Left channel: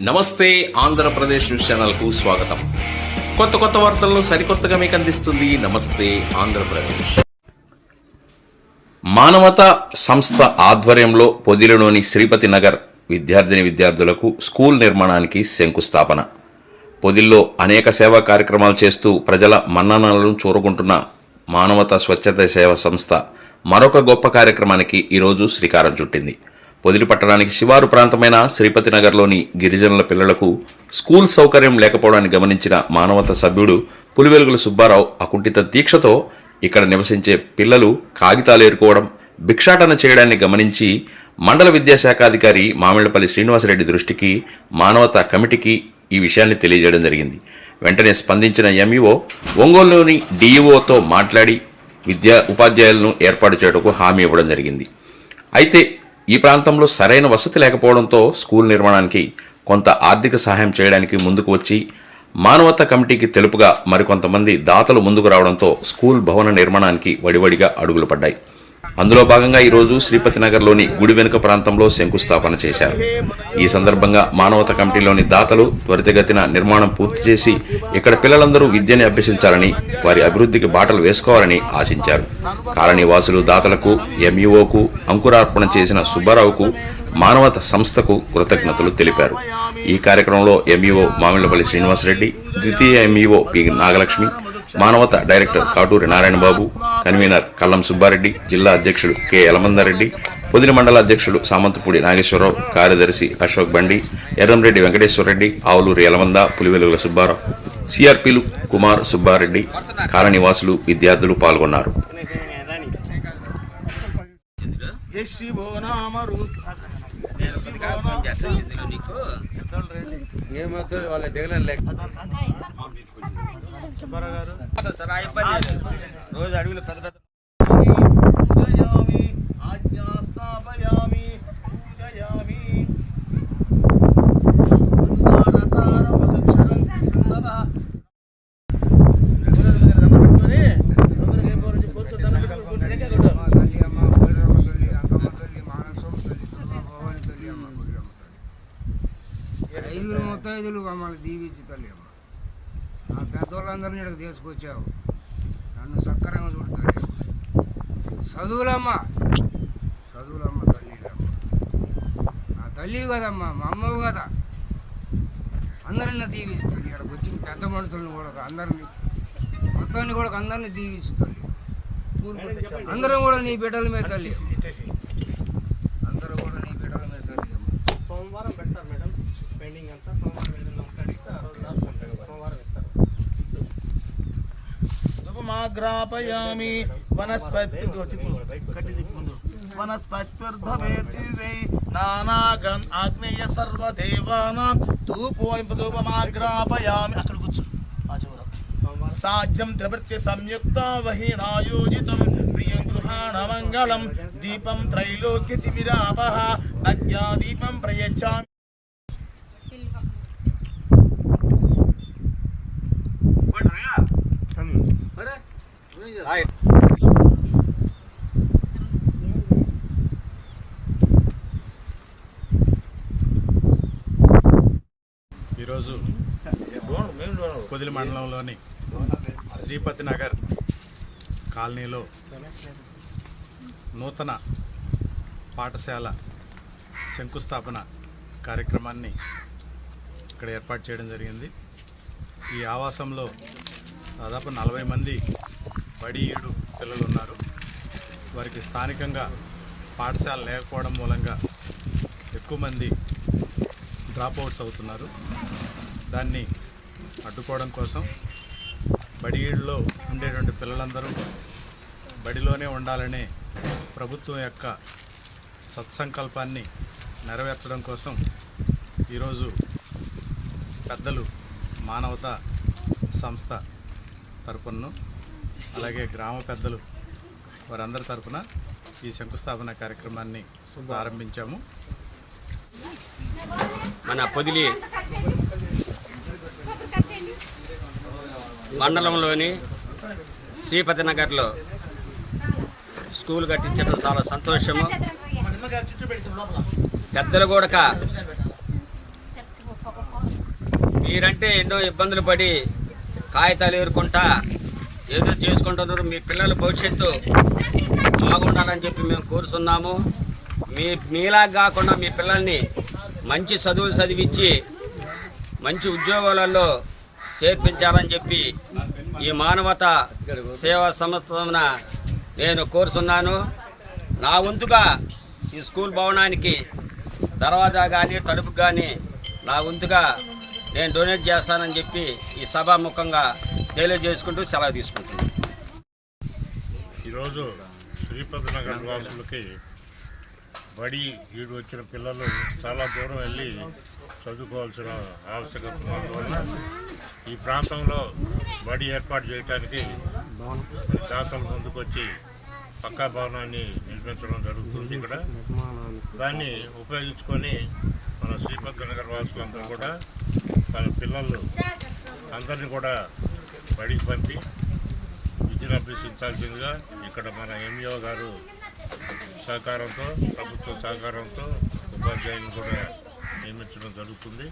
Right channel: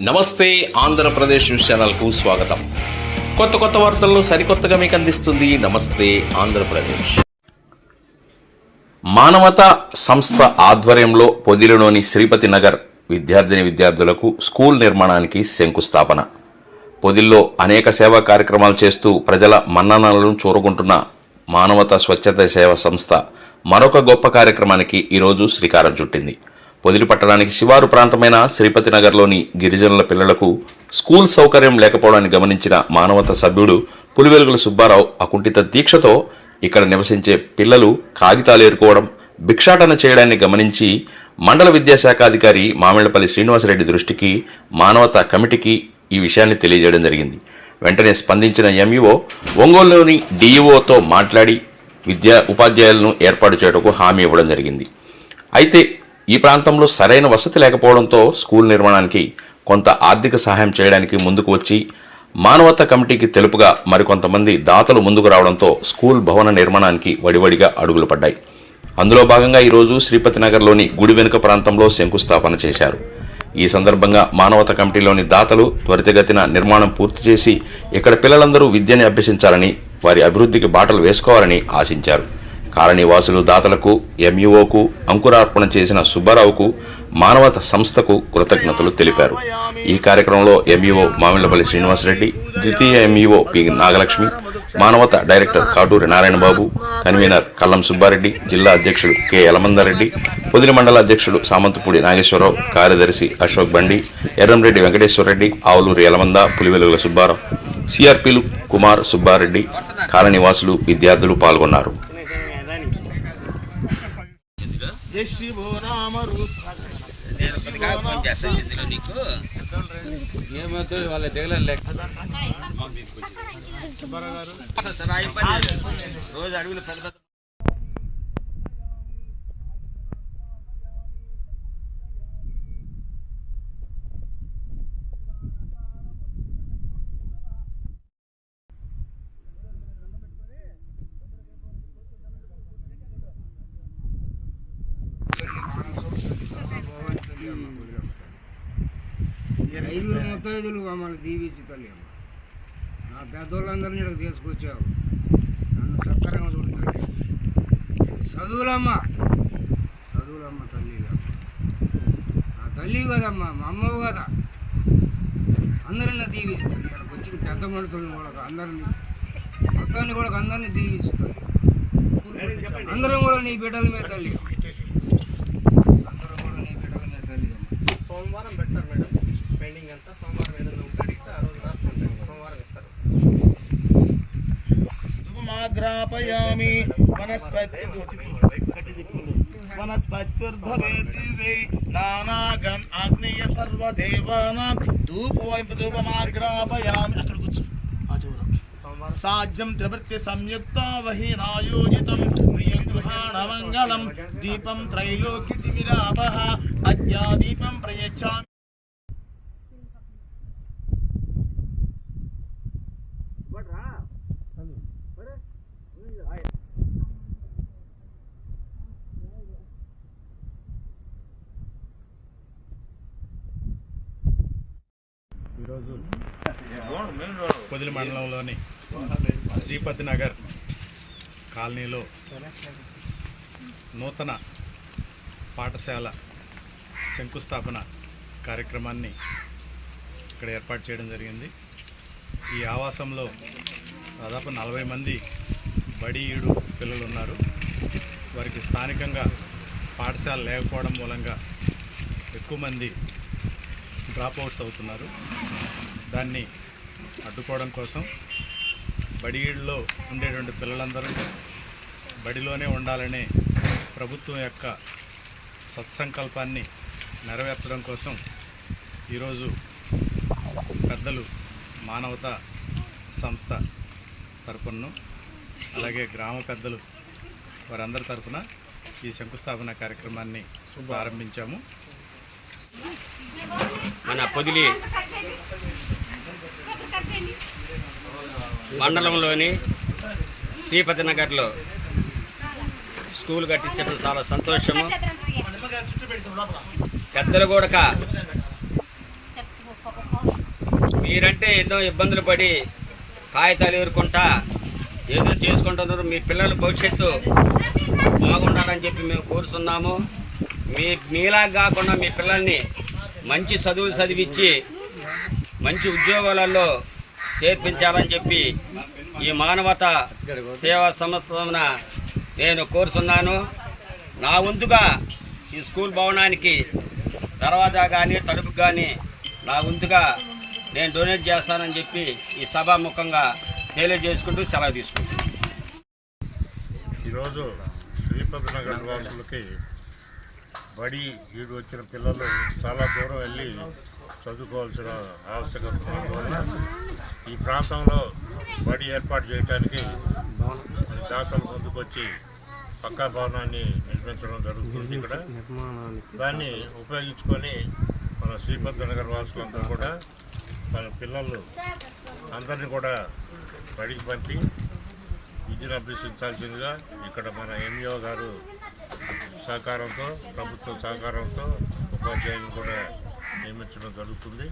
నమస్తే ఆంధ్రప్రదేశ్ న్యూస్ ఛానల్కు స్వాగతం. కొత్త కొత్త వార్తలను సరికొత్తగా మీకు అందిస్తుంది నమస్తే ఆంధ్రప్రదేశ్. మానవత సంస్థ ఆధ్వర్యంలో పొదిలిలోని శ్రీపతి నగర్ విద్యార్థిని విద్యార్థులకు స్కూల్ నిర్మాణానికి శంకుస్థాపన. పొదిల్లో అనేక సేవా కార్యక్రమాలు చేస్తూ ప్రజల మన్ననలను చూరుకుంటున్న మానవత స్వచ్ఛత సేవ సంస్థ మరొక గొప్ప కార్యక్రమానికి ఈరోజు శ్రీకారం చుట్టింది. పొదిలి పట్టడానికి శివారు ప్రాంతమైన శ్రీపతినగర్లోని గిరిజనుల పిల్లలకు స్కూల్ సౌకర్యం లేకపోవడాన్ని గమనించిన మానవత సభ్యుడు పులివెలుగుల సుబ్బారావు అకుంఠిత దీక్షతో ఇక్కడ నివసించే పిల్లలు కాగితాలు ఏరుకోవడం భిక్షాటన చేయడాన్ని గమనించి మండల విద్యాశాఖాధికారి మామిళ్ళపల్లి శ్రీనివాసరెడ్డి దృష్టికి మానవత కమిటీకి ఈ విషయాన్ని తెలియజేయడం జరిగింది. వెంటనే స్పందించిన ఎంఈఓ ఒంగోలులోని డీఈఓతో మాట్లాడి విద్యా ఉపాధ్యాయులను ఏర్పాటు చేయటకు హామీ ఇవ్వడం జరిగింది. అయితే ఈ ప్రాంతంలో సరైన వసతి లేకపోవడంతో స్కూల్ నిర్మాణానికి కొంత ఆర్థిక సహాయం చేయడానికి ముందుకు వచ్చి మానవత కమిటీకి తెలుపుగా మరికొంతమంది దాతలు ముందుకు రావడంతో స్కూల్ భవన నిర్మాణానికి వడివడిగా అడుగులు పడ్డాయి. అందులో భాగంగా ఈరోజు శ్రీపతి నగర్లోని గుడి వెనుక ప్రాంతంలో శంకుస్థాపన చేశారు. ఈ సందర్భంగా మానవత కమిటీలోని దాతలు త్వరితగతిన నిర్మాణం పూర్తి చేసి ఇక్కడ పిల్లలందరూ విద్యని అభ్యసించాలని వారి అభివృద్ధికి బాటలు వేసుకోవాలని ఆశించారు. కాలనీవాసులు దాతలకు ఎంఈఓకు అంకురార్పణ చేసిన సుబ్బారావుకు మానవత సంస్థకు కృతజ్ఞతలు తెలిపారు. ఈ కార్యక్రమంలో ఎంఈఓ మామిళ్ళపల్లి శ్రీనివాసరెడ్డి ద్వితీయ MEO P Nagalakshmi Manavata director Katuri Narayanababu convener Kallam Subbareddy జిల్లా అధ్యక్షుడు కె యలమందారెడ్డి పొదిలి మండల అధ్యక్షుడు సామంతపూడి నాగేశ్వరరావు కార్యదర్శి అశోక్ బండి ఎర్రంరెడ్డి వెంకటేశ్వరరెడ్డి ఆవులూరి యలమంద పులివెలుగుల సుబ్బారావు సిఆర్పీలు కుమార్ సుబ్బారెడ్డి కాలనివాసులు విద్యార్థులు పాల్గొన్నారు. యశివో నామ రూప ఏమవుతుంది వాళ్ళ దిగలేదు లేక. రోజు అడుగులు పెద్ద పెద్ద ముత్తైదులు మమ్మల్ని దీవించి తల్లి అమ్మ ఆ పెద్దోళ్ళందరినీ ఇక్కడికి తీసుకొచ్చావు. నన్ను సక్కరంగా చూడతాను చదువులమ్మ. చదువులమ్మ తల్లి నా తల్లి కదమ్మా మా అమ్మవు కదా. అందరిని దీవిస్తాను. ఇక్కడికి వచ్చిన పెద్ద మనుషులను కూడా అందరినీ మొత్తాన్ని కూడా అందరినీ దీవించుతాను అందరం కూడా నీ బిడ్డల మీద తల్లి అందరూ కూడా నీ బిడ్డల మీద తల్లి అమ్మ సోమవారం పెడతారు మేడం పెండింగ్ అంతా సోమవారం ఏదైనా ఉంటే అడిగితే ఆ రోజు రాసుకుంటారు సోమవారం ఇస్తారు. ధూపమాగ్రాపయామి వనస్పతి వనస్పతిర్భవేతి నానాగన్ ఆగ్నేయ సర్వదేవానాం. ధూపోయం ధూపమాగ్రాపయామి అక్కడ కూర్చో. సాధ్యం త్రిభృత్య సంయుక్త వహీనాయోజితం. ప్రియం దీపం త్రైలోక్య తిమిరాపహ అద్యా దీపం ప్రయచ్చామి. ఈరోజు పొదిలి మండలంలోని శ్రీపతి నగర్ కాలనీలో నూతన పాఠశాల శంకుస్థాపన కార్యక్రమాన్ని ఇక్కడ ఏర్పాటు చేయడం జరిగింది. ఈ ఆవాసంలో దాదాపు నలభై మంది బడి ఈడు పిల్లలు ఉన్నారు. వారికి స్థానికంగా పాఠశాల లేకపోవడం మూలంగా ఎక్కువ మంది డ్రాప్ అవుట్స్ అవుతున్నారు. దాన్ని అడ్డుకోవడం కోసం బడిలో ఉండేటువంటి పిల్లలందరూ బడిలోనే ఉండాలనే ప్రభుత్వం యొక్క సత్సంకల్పాన్ని నెరవేర్చడం కోసం ఈరోజు పెద్దలు మానవత సంస్థ తరపున అలాగే గ్రామ పెద్దలు వారందరి తరపున ఈ శంకుస్థాపన కార్యక్రమాన్ని ప్రారంభించాము. మన పొదిలి మండలంలోని శ్రీపతి నగర్లో స్కూల్ కట్టించడం చాలా సంతోషము. పెద్దలు కూడా మీరంటే ఎన్నో ఇబ్బందులు పడి కాగితాలు ఎదుర్కొంటా ఏదో చేసుకుంటున్నారు. మీ పిల్లల భవిష్యత్తు బాగుండాలని చెప్పి మేము కోరుతున్నాము మీ మీలా కాకుండా మీ పిల్లల్ని మంచి చదువులు చదివించి మంచి ఉద్యోగాలలో చేర్పించాలని చెప్పి ఈ మానవత సేవా సంస్థన నేను కోరుతున్నాను నా వంతుగా ఈ స్కూల్ భవనానికి దర్వాజా కానీ తలుపు కానీ నా వంతుగా నేను డొనేట్ చేస్తానని చెప్పి ఈ సభాముఖంగా తెలియజేసుకుంటూ సెలవు తీసుకుంటున్నాను. ఈరోజు శ్రీపతి నగర్ వాసులకి బడి ఈడు వచ్చిన పిల్లలు చాలా దూరం వెళ్ళి చదువుకోవాల్సిన ఆవశ్యకత ఉన్నందువల్ల ఈ ప్రాంతంలో బడి ఏర్పాటు చేయడానికి మన దాతలు ముందుకొచ్చి పక్కా భవనాన్ని నిర్మించడం జరుగుతుంది ఇక్కడ. దాన్ని ఉపయోగించుకొని మన శ్రీపతి నగర్ వాసులందరూ కూడా తన పిల్లలు అందరినీ కూడా బడికి పంపి విద్యను అభ్యసించాల్సిందిగా ఇక్కడ మన ఎంఈఓ గారు సహకారంతో ప్రభుత్వ సహకారంతో ఉపాధ్యాయులు కూడా నియమించడం జరుగుతుంది.